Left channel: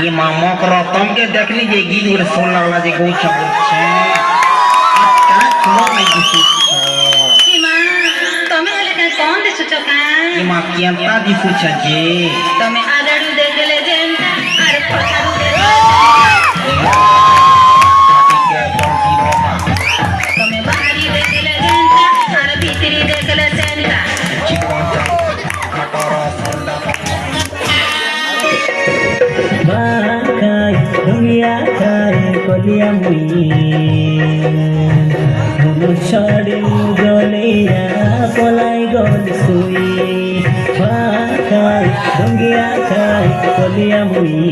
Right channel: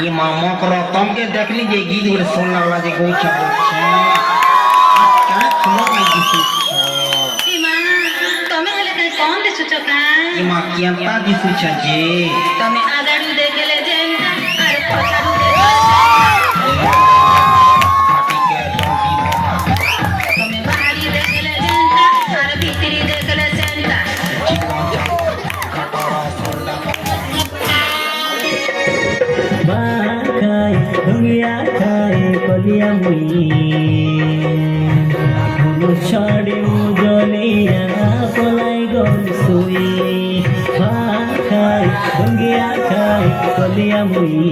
ये मामा करो तुम के देख लीजिए गीत उड़ सोना ना जे गोच बोलछे क्या सुनो नहीं दिसु इमा तमे हले काय कोन दिसु छ काय ये मां केंता दिसु छ जे तमे आगाडू देखले जेंता अरे पछाडू तमे बाहरी देखले जेंता अरे भीतरी देखले जेंता दुनिया खाए कलिया मुई छड़ी गलिया पलाई गल सुई खाए दुनिया खाए कलिया मुई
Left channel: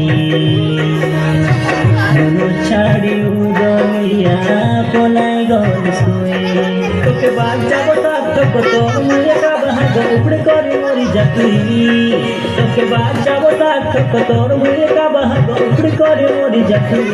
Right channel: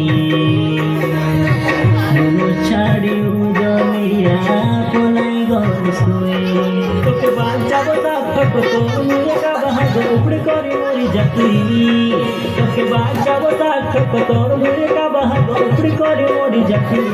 छड़ी गलिया पलाई गल सुई तोके बाजा बता तक तो मुझे का बहा गौड़ करी मोरी जाती तोके बाजा बता तक तो मुझे का बहा गौड़ करी मोरी जाती